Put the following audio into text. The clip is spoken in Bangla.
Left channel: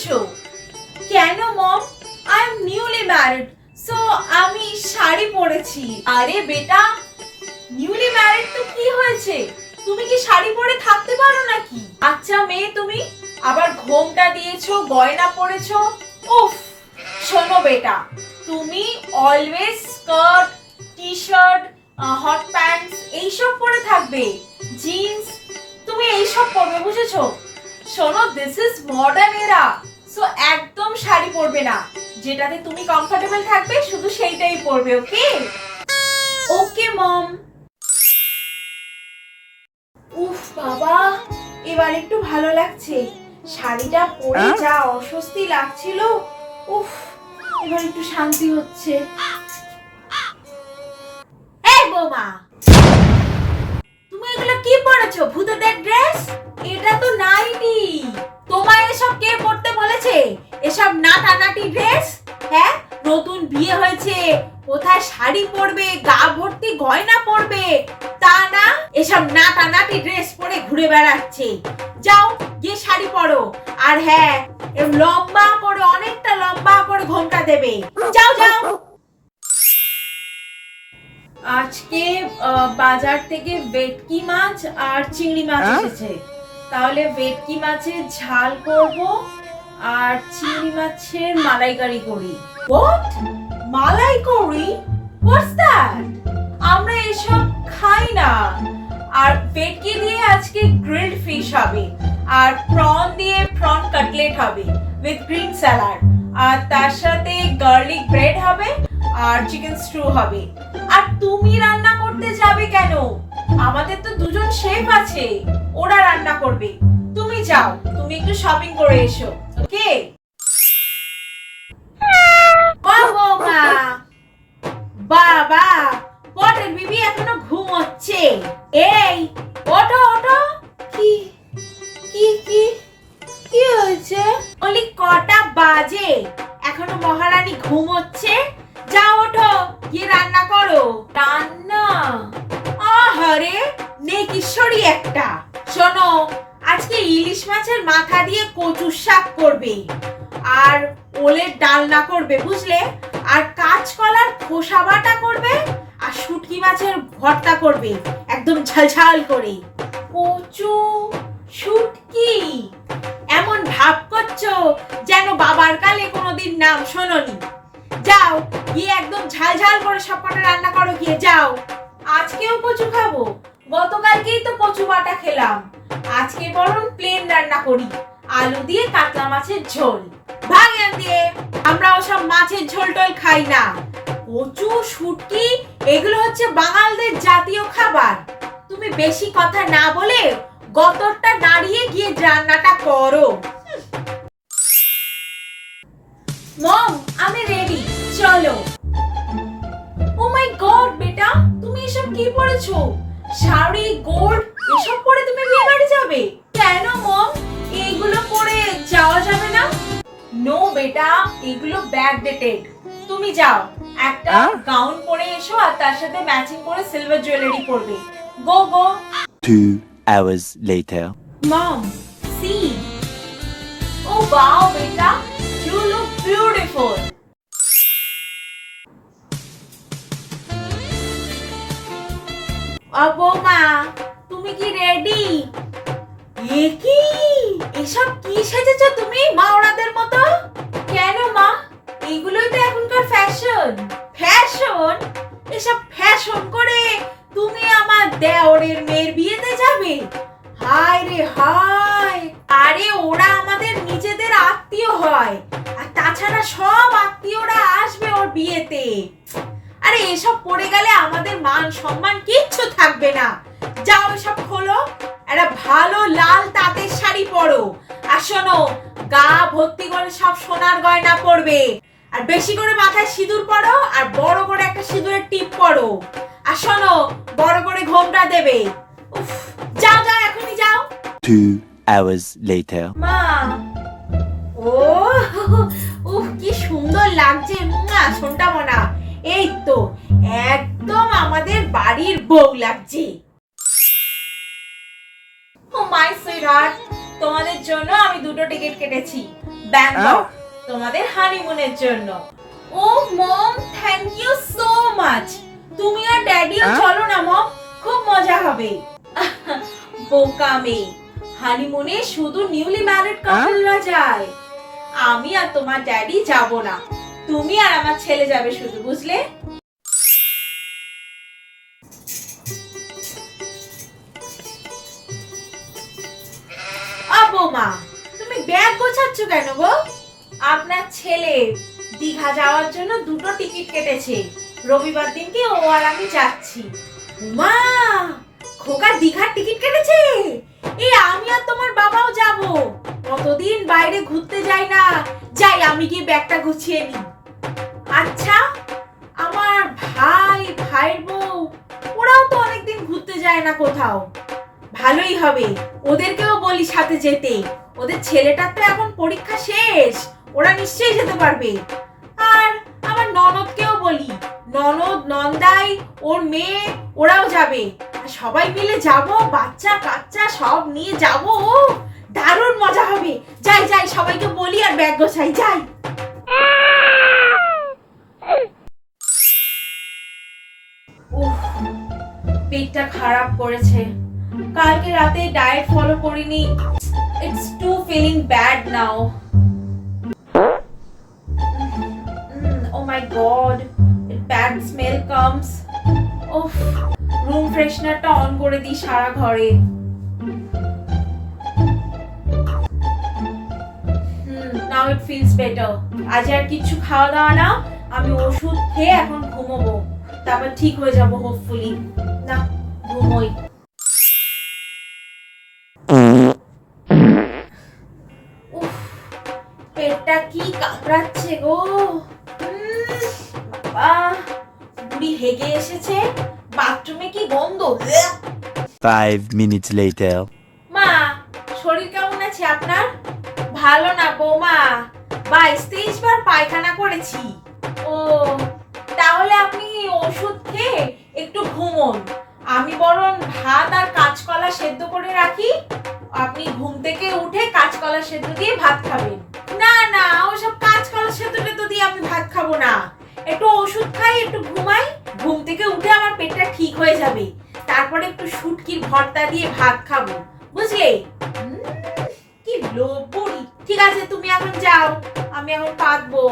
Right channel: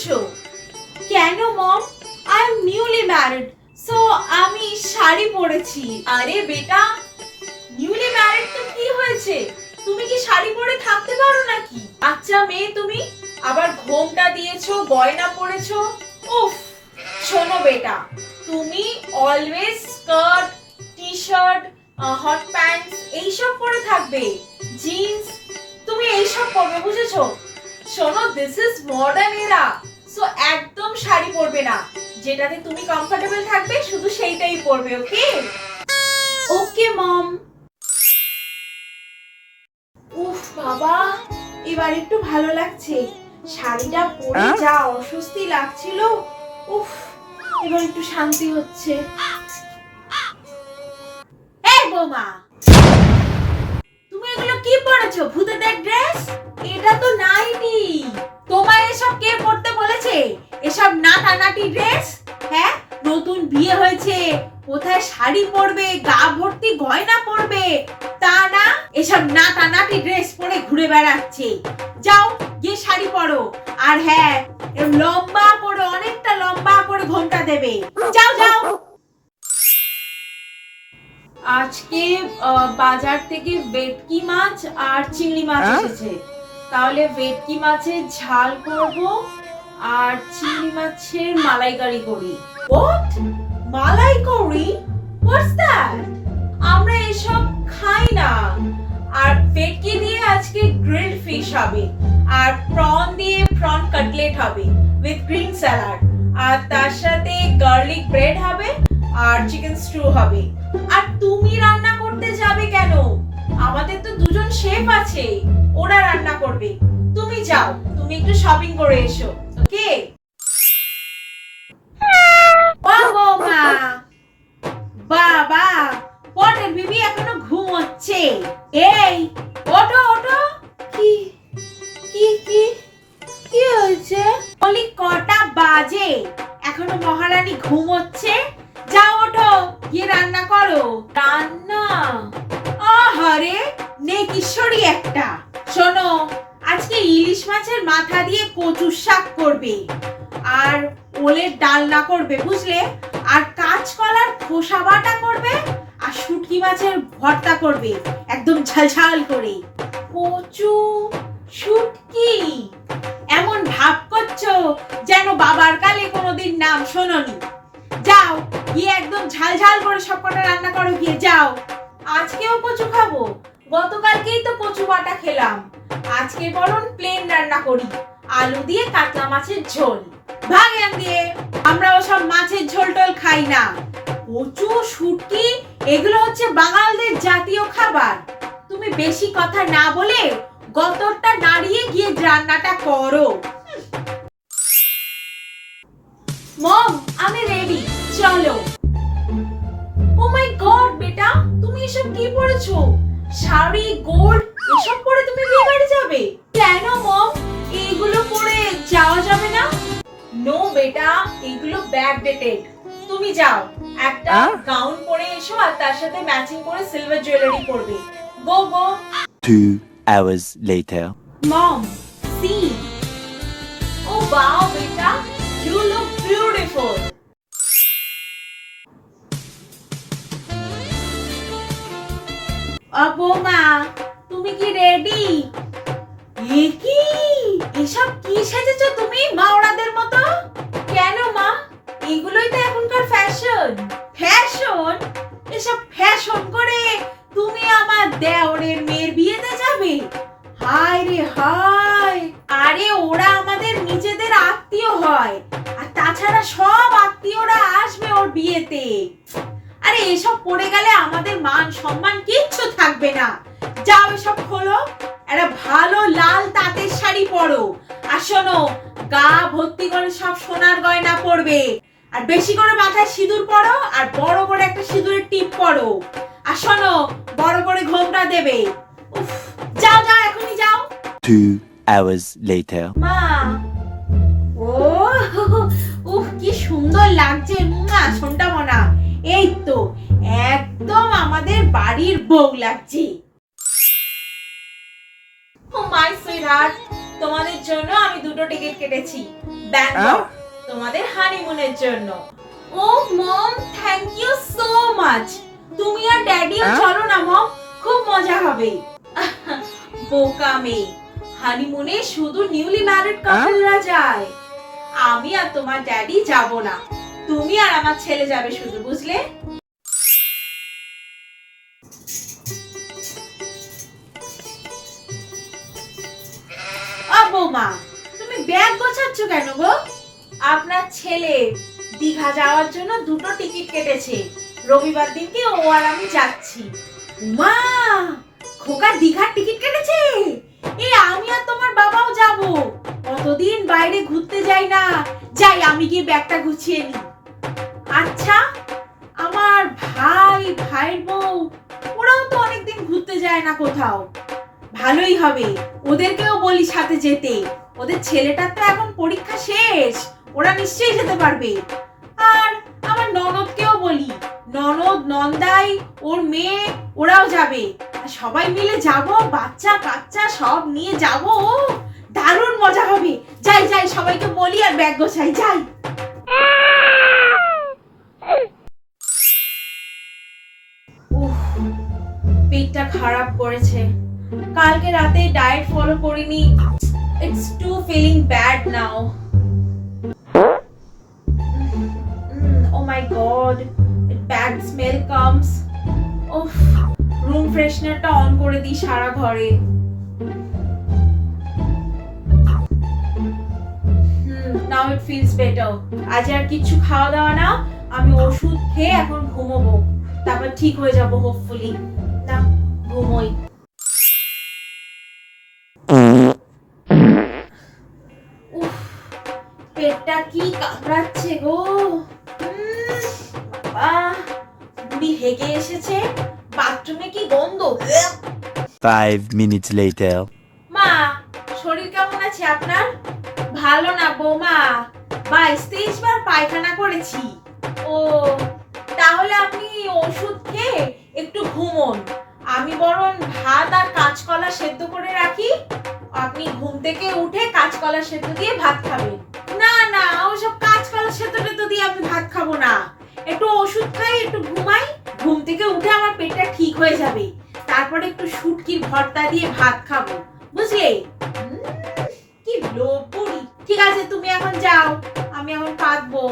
পরেছো কেন, mom? I am newly married so আমি শাড়ি পরেছি। আরে বেটা নিউলি ম্যারিড তো কি হয়েছে? তুমি কি শাড়ি পরে থাকতে পারো নাকি? আচ্ছা মেয়ে তুমি, আবার ঘোমটা দিয়েছ, গয়না পরেছো? উফ, শোনো বেটা, তুমি always skirt T shirt hot pants এইসব পরে থাকবে। জিন্স তুমি এইসব পরবে, বুঝেছ? শোনো this is modern era so একদম শাড়ি পরবে না। যেটাতে তুমি কমফোর্টেবল থাকবে শুধু সেইটাই পরবে ওকে ওকে মম উফ বাবা এবার একটু ভালো লাগছে। শাড়িটা পরে যা অস্বস্তি লাগছিল উফ এবার একটু শান্তি হচ্ছে। এই বৌমা কি পরেছো ভূতেদের ড্রেস এটা তো নাইটি। তোমায় এসব কে পরতে বলেছে? এসব নাটানাটি ড্রেস হ্যাঁ নতুন বিয়ে হয়েছে। কোথায় শাড়ি পরবে? গা ভর্তি গয়না পরবে? তা না, এসব নাটানাটি ড্রেস পরে ঘুরে বেড়াচ্ছে। যাও, গিয়ে শাড়ি পরো। আর হ্যাঁ লম্বা করে, অনেকটা লম্বা করে ঘোমটা দেবে। যাও যাও। আজকে বাজার থেকে ভেটকি মাছ আর চিংড়ি মাছ এসেছে। তাহলে ভেটকি মাছের ঝাল করব আর চিংড়ি মাছের মালাইকারি করি। What malaikari? হোয়াটস দ্যাট আমরা এসব খাই না। আর ভেটকি দিয়ে আজকে গ্রিলড ফিশ হবে আর প্রন দিয়ে প্রন কাটলেট হবে উইথ গ্রিন স্যালাড আর তার সাথে গার্লিক ব্রেড হবে আর চিকেন স্টু হবে। আর তুমি রান্না করতে যাবে কেন? আমাদের তো দুজন শেফ আছে, ওরা রান্না করবে। তুমি যাও, তুমি একটু শপিং করে এসো, ওকে? বাবা! নেকিশ্বরী একটা। শোনো, আজকে ইলিশ মাছের মাথা দিয়ে কচুর শাক করবে। আর ওলের ডালনা করবে, বুঝলে? আর কাঁচকলার খোসা বাটা করবে, আর শুটকি মাছের ভর্তা করবে, একদম ঝালঝাল করে। কচু, শুটকি, এমন ভাব করছ যেন বাবার কালে কোনোদিন নাম শোনোনি। যাও, গিয়ে একদম ঝাল ঝাল করে সব কটা রান্না করো, গিয়ে যাও। আজকেও কচু খাব। গতকালকেই তো কচু বাটা খেলাম। আজকে বরং প্লেন রান্না করি। আলু দিয়ে কাতলা মাছের ঝোল। ভাগেন দিয়ে। আমরা ওসব মাছের ঝোল টোল খাই না। কচু, শুটকি, এগুলো হচ্ছে বাঙালদের জাতীয় খাবার। তুমি বেশি কথা না বলে গতরটা নাড়িয়ে গিয়ে রান্নাটা করো। মম, আমি রেডি চলো। ও মাই গড বেটা, তুমি এসব কি পরেছো শাড়ি গোল্ড এসব পরে তুমি বিয়ে বাড়ি যাবে? কেন মম? এইগুলো পরে যাওয়া যাবে না? নো বেটা এগুলো ব্যাক ডেটেড তুমি যাও। একটা গাউন পরে এসো আর তার সাথে ম্যাচিং করে সিলভার জুয়েলারি পরবে। গো গো Two hours later. Mom, see. Oh wow, beta, you look beautiful. মা তুমি কি রেডি এ কি? এসব কি সেজেছো তুমি মাওড়াদের মতো? কেন মা? এগুলোই তো এখনকার ফ্যাশন ফ্যাশন এসব ফ্যাশন করে তুমি আমার দেওরের মেয়ের বিয়েতে যাবে? হায় রে হায়! আরে ওরা আমাদের নিজেদের আত্মীয় হয়। আর তাছাড়া সব আত্মীয়রা আসবে ওর বিয়েতে। আরে এসব পড়ে গেলে আমাদের মান সম্মান কিচ্ছু থাকবে না। যাও এসব খোলো। একটা ভালো লাল তাঁতের শাড়ি পরো। আর শোনো গা ভর্তি করে সব সোনার গয়না পরবে। আর বেশি করে মাথায় সিঁদুর পরো আর বড় করে একটা সিঁদুরের টিপ পরো। আর শোনো বড় করে ঘোমটা দেবে। উফ, যাও যাও এখনই যাও। Hours later. মা ও উফ কি সুন্দর লাগছে। না শোনটা মনা। এই তো একদম আমাদের বাড়ির বউ লাগছে। মাই সুইটহার্ট তোমাদের জন্য আমি দুটো টিকিট কেটেছি। ব্যাংকক তোমাদের হানিমুনের জন্য। ও mom thank you so much তুমি আর ড্যাডিও চলো না মম খুব মজা হবে। বোকা মেয়ে হানিমুনে শুধু নিউলি ম্যারিড কাপলরা যায়। আমি আর তোমার ড্যাডি যাব না। তুমি আর আমার ছেলে যাবে শুধু, বুঝলে? বৌমা, তুমি ব্যাগ গোছাচ্ছ কেন গো? আপনার ছেলে দীঘা যাওয়ার জন্য দুটো টিকিট কেটেছে। রবিবার দিনকে ও আর আমি যাচ্ছি। মা, খোকা দীঘার টিকিট কেটেছে? এই আমি আর তোমার বাবাও যাব। কতদিন বাইরে ঘুরতে যাই না। যাই, আমি গিয়ে ব্যাগটা গুছিয়ে নিই। ভাইয়ের বউ, ওরাও তো অনেকদিন ঘুরতে যায় না কোথাও। ভালোই হবে, ওদেরকেও বলি সাথে যেতে। ওদের ছেলেটার তো এখন পরীক্ষা শেষ, ওরা নিশ্চয়ই যেতে পারবে। আর আমার ননদকেও বলি, ননদ, নন্দাই, ওর মেয়ে, ওরাও যাবে। সবাই মিলে যাব, বাচ্চা, কাচ্চা, সব নিয়ে যাব। দারুণ মজা হবে। যাই যাই, সবাইকে বলি আর ব্যাগ গোছাই, যাই। পেটটা খারাপ করেছে। কালকে রাতে ডায়েট ফলো করিনি। It's too feeling bad now oh my god bad smell comes উফ রুম ফ্রেশনারটা অন করে দিই সারা ঘরে। নাও ইট ফিলস বেটার আজ আর কিছু খাওয়া দাওয়া না, আমি ওষুধ খেয়ে এখন ঘুমোবো। তারপর ঠিক হয়ে যাব হোপফুলি না ঘুমোই। পেটটা কি কামড়াচ্ছে গো। উম, বুড়ি হেগে এসেছে। বাথরুমে কি গন্ধ। Five minutes later. মা শরীর কেমন আছে আপনার? ভালো না বৌমা। বাইশ তেইশ বার পায়খানা করেছি। ও তাহলে আপনি ওষুধ খেয়ে একটু ঘুমোন। আমি বরং ভাত আর কাঁচকলা সেদ্ধ করে রাখি। আপনি ঘুম থেকে উঠে কাঁচকলা সেদ্ধ দিয়ে ভাত খাবেন। না না, ওসব কাঁচকলা সেদ্ধ টেদ্ধ দিয়ে আমি ভাত খাব না। একটু ওষুধ খাই, একটু ঘুমাই, ঘুম থেকে উঠে আমার পেটটা ঠিক হয়ে যাবে। তারপরে একটু শুটকির ভর্তা দিয়ে ভাত খাব। বুঝলে? কি লোভ ঠিক আছে, তুমি এখন যাও। আমি এখন কাঁদবো।